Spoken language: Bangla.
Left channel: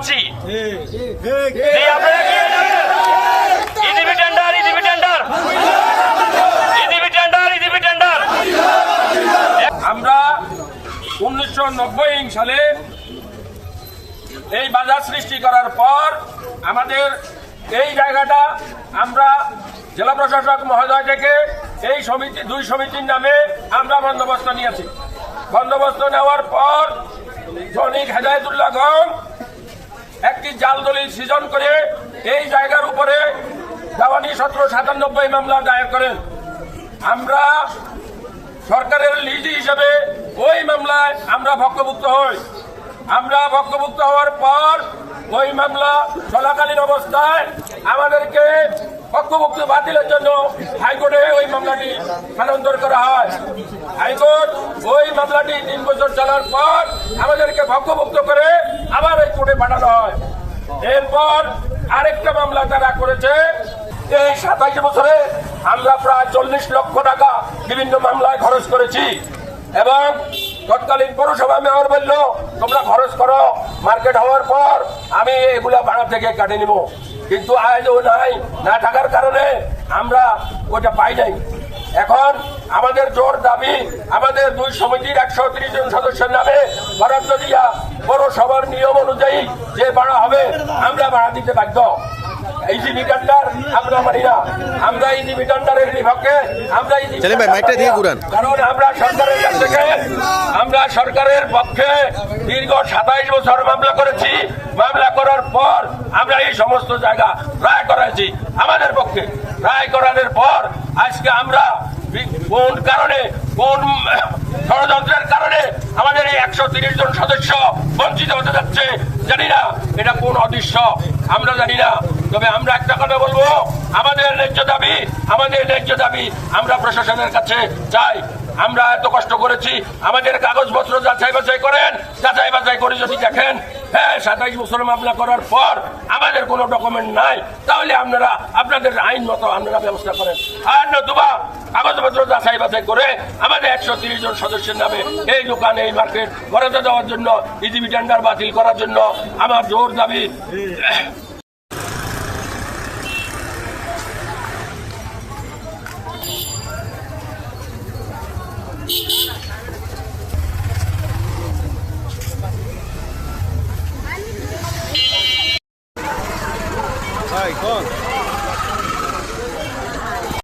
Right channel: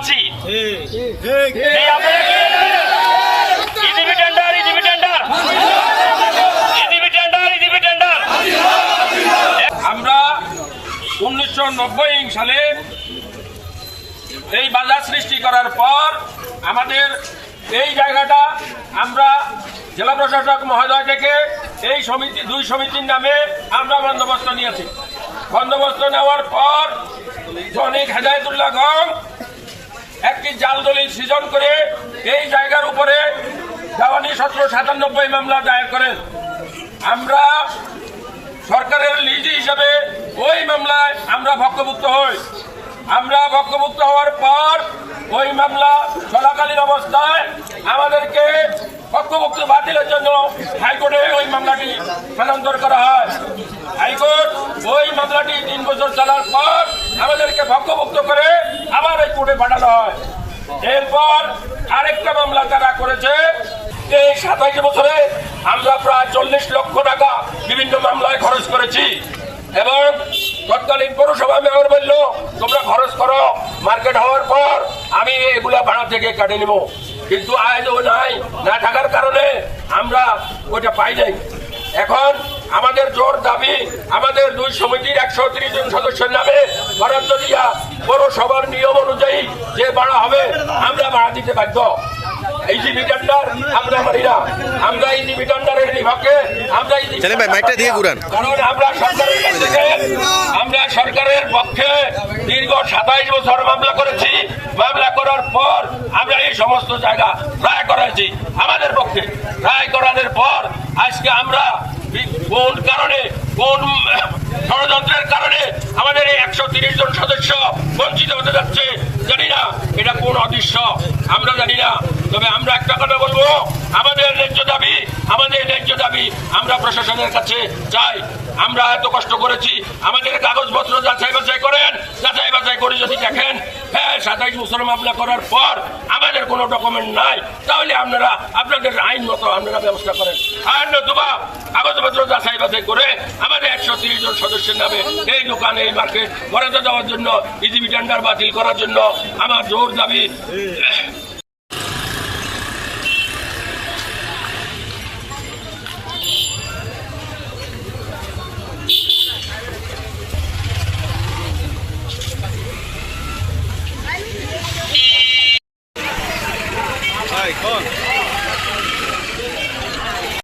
পাচ্ছি। আমরা উনিশশো নব্বই সালে এই বাজার সৃষ্টি করার পর আমাদের এই জায়গাটা আমরা জেলা প্রশাসক মহোদয় থেকে এই সমিতি দুই সমিতির নামে আমরা বন্দোবস্ত নিয়েছি। বন্দোবস্ত নেওয়ার পর জনিক হেদায়তুল্লাহ গম একটি জাল দলিল সৃজন করে এই জায়গার উপরে দেওয়ানি সতেরো সাতানব্বই মামলা দায়ের করেন। আমরা সরকারের লিজি হিসাবে ওই মামলায় আমরা ভক্তভুক্ত হই। আমরা ভক্তভুক্ত হওয়ার পর ওই মামলা চলাকালীন অবস্থায় আমাদেরকে পক্ষভুক্ত বাতিলের জন্য হাইকোর্টে ওই মামলাটি স্থানান্তর করা হয়। হাইকোর্ট ওই মামলাটি তিন বছর চালার পর আমাদেরকে ভক্তভুক্ত করে এরপর আরেকটা মামলা তারা করেছে এই বছরে আমরা প্রায় চল্লিশ লক্ষ টাকা বিভিন্ন মামলায় খরচ করেছি। এবং তৎকালীন পৌরসভা মেয়র বলল, তোমরা খরচ করো, মার্কেট হওয়ার পর আমি এগুলা ভাড়া থেকে কাটে নিব। কিন্তু আইনও নাই, না থাকার কারণে আমরা ওইটা পাই নাই। এখন আমাদের জোর দাবি, আমাদের দুই সমিতির একশো ত্রিশ জন সদস্যের নামে বরাদ্দ দিয়া পৌরসভার নিয়ম অনুযায়ী যে ভাড়া হবে আমরা ভাড়া দিতে বাধ্য। এই যে মিটান্ডার আমরা না। আমরা এই যে মিটান্ডারের আমরা এই ভাই, মাইকটা দিয়ে ঘুরান। কারণ আমরা সরকারের কাছ আমরা সরকারের পক্ষে দীর্ঘ সাতাইশ বছর মামলা করেছি। মামলা করার পর আমরা এই সমস্ত জায়গা রায় করাইছি আমাদের পক্ষে। রায় করানোর পর আজকে আমরা কোন কারণে কোন ষড়যন্ত্রের কারণে আমাদের এই একশো তিরিশ জন সদস্য বঞ্চিত হতে যাচ্ছে। জানি না এটা কোন অদৃশ্য, আমরা জানি না। তবে আমরা একটা কথা বলব, আমাদের ন্যায্য দাবি, আমাদের ন্যায্য দাবি আমরা প্রশাসনের কাছে চাই। আমরা এত কষ্ট করেছি, আমাদের কাগজপত্র যাচাই বাছাই করেন, যাচাই বাছাই করে যদি দেখেন হ্যাঁ সাতাইশ বছর মামলা করার পর আমাদের কোনো ডকুমেন্ট নাই, তাহলে আপনারা, আপনাদের আইন মতো আপনারা ব্যবস্থা করেন। আর নতুবা কাগজপত্র যাচাই বাছাই করে একশো জন সদস্যের নামে এই দোকান, এই মার্কেট বরাদ্দ দেওয়ার জন্য ইজিবি টেন্ডার বাতিল করার জন্য আমার জোর দাবি।